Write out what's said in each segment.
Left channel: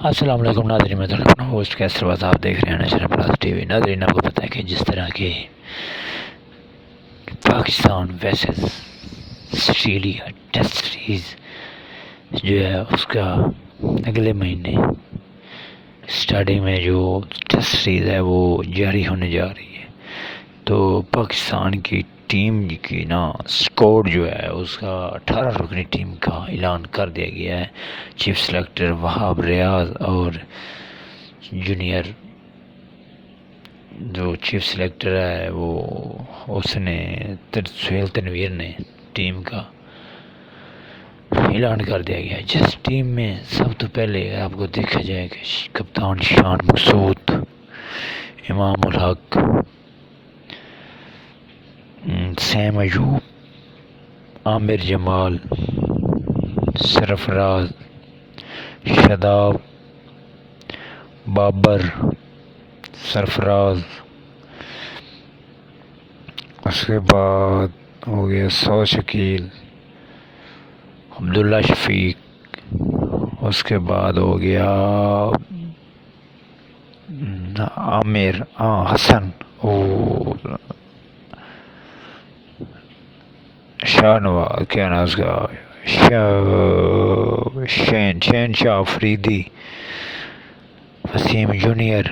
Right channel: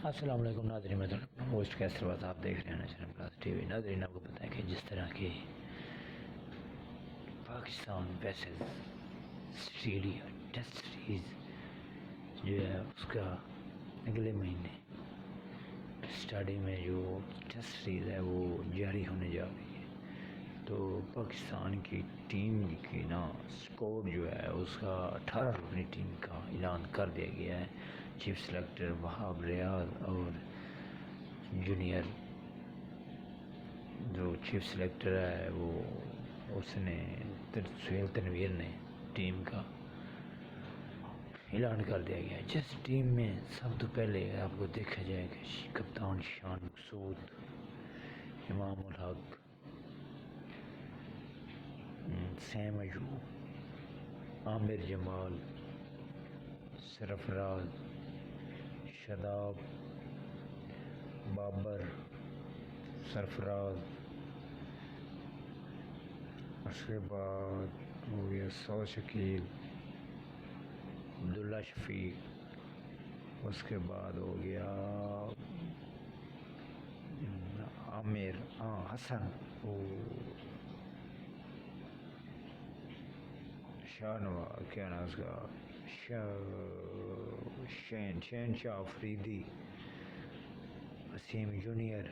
السلام علیکم ناظرین، میں اپنا ہوسٹ کیسر باز آپ دیکھ رہے ہیں نیشنل پلس ٹی وی۔ ناظرین، آپ کو پتہ ہے کہ جس طرح کے پاکستان ویسز آسٹریلیا ٹیسٹ سیریز جو ہے اس کا اگلے مہینے سٹارٹنگ میں جو ٹیسٹ سیریز ہے وہ جاری ہونے جا رہی ہے، تو پاکستان کی ٹیم کی اسکواڈ جو ہے اس کا 18 رکنی ٹیم کا اعلان کر دیا گیا ہے۔ چیف سلیکٹر وہاب ریاض اور جونیئر جو چیف سلیکٹر ہے وہ اس نے سہیل تنویر نے ٹیم کا اعلان کر دیا گیا ہے، جس ٹیم میں سب تو پہلے آپ کو دیکھا جائے کہ کپتان شان مقصود، امام الحق، سیم ایوب، عامر جمال، سرفراز، شاداب، بابر، سرفراز، اس کے بعد ہو گیا سو شکیل، عبداللہ شفیق، اس کے بعد ہو گیا عامر حسن اور شاہنواز، کیا نام اس کا، شین شاہ افریدی، وسیم جونیئر۔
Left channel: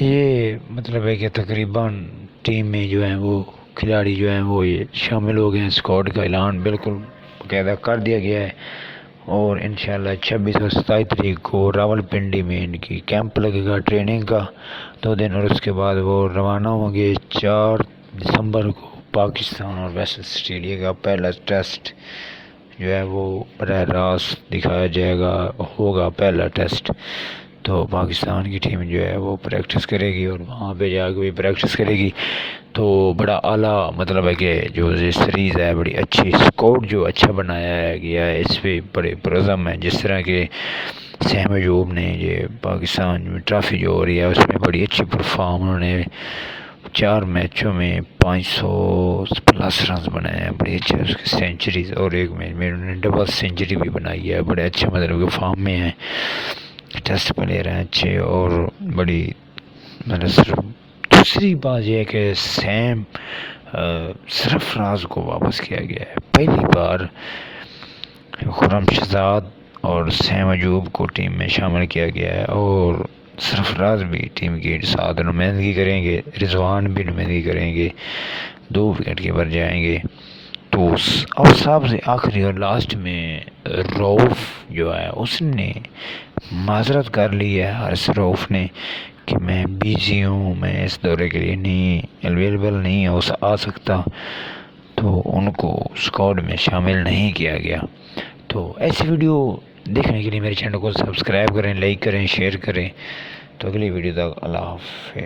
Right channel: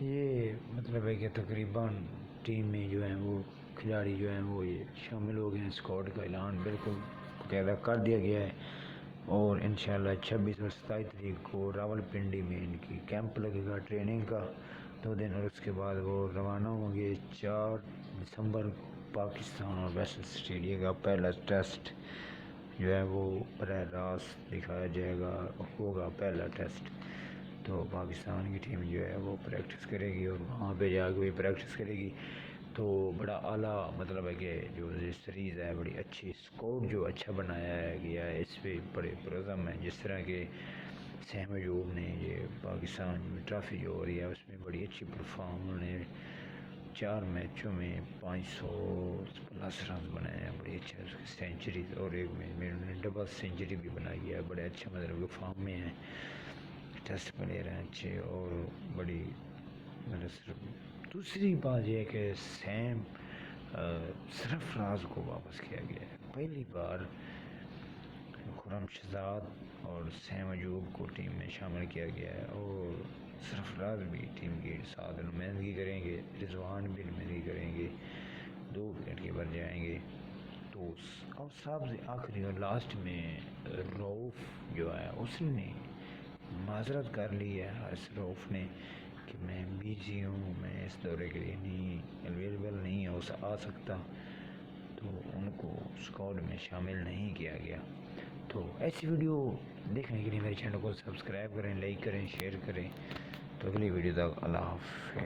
یہ مطلب ہے کہ تقریباً ٹیم میں جو ہیں وہ کھلاڑی جو ہیں وہ یہ شامل ہو گئے ہیں۔ اسکواڈ کا اعلان بالکل باقاعدہ کر دیا گیا ہے، اور انشاءاللہ 26 اور 27 تاریخ کو راول پنڈی میں ان کی کیمپ لگے گا ٹریننگ کا 2 دن، اور اس کے بعد وہ روانہ ہوں گے 4 دسمبر کو۔ پاکستان اور ویسٹ آسٹریلیا کا پہلا ٹیسٹ جو ہے وہ براہ راست دکھایا جائے گا، ہوگا پہلا ٹیسٹ۔ تو پاکستان کی ٹیم جو ہے وہ پریکٹس کرے گی اور وہاں پہ جا کے بھی پریکٹس کرے گی، تو بڑا اعلیٰ مطلب ہے کہ جو یہ سیریز ہے بڑی اچھی اسکواڈ جو اچھا بنایا گیا ہے، اس پہ بڑے پرعزم ہیں۔ جس طرح کہ سیم ایوب نے یہ پاکستان میں ٹرافی جو ہو رہی ہے اس میں بڑی اچھی پرفارم، انہوں نے 4 میچوں میں 500+ رنز بنائے ہیں، بڑی اچھے اس کی سینچریز، اور ایک میچ میں انہوں نے ڈبل سینچری بھی بنائی ہے، بڑے اچھے مطلب کہ فارم میں ہیں، ٹیسٹ پلیئر ہیں اچھے۔ اور بڑی مطلب دوسری بات یہ ہے کہ سرفراز کو واپس کیا گیا ہے، پہلی بار خرم شہزاد اور سیم ایوب کو ٹیم میں شامل کیا گیا ہے، اور سرفراز بھی ٹیم کے ساتھ نمائندگی کریں گے، رضوان بھی نمائندگی کریں گے، 2 وکٹ کیپر جائیں گے۔ تو اور سب سے آخری اور لاسٹ میں روف جو ہے اس نے معذرت کر لی ہے، حارث روف نے، کہ میں بیزی ہوں، میں اس دورے کے لیے نہیں اویلیبل نہیں آ سکتا، تو ان کو اسکواڈ میں شامل نہیں کیا گیا۔ تو ایسی ویڈیو دیکھنے کے لیے میرے چینل کو سبسکرائب کریں، لائک کریں، شیئر کریں۔ تو اگلی ویڈیو تک اللہ حافظ۔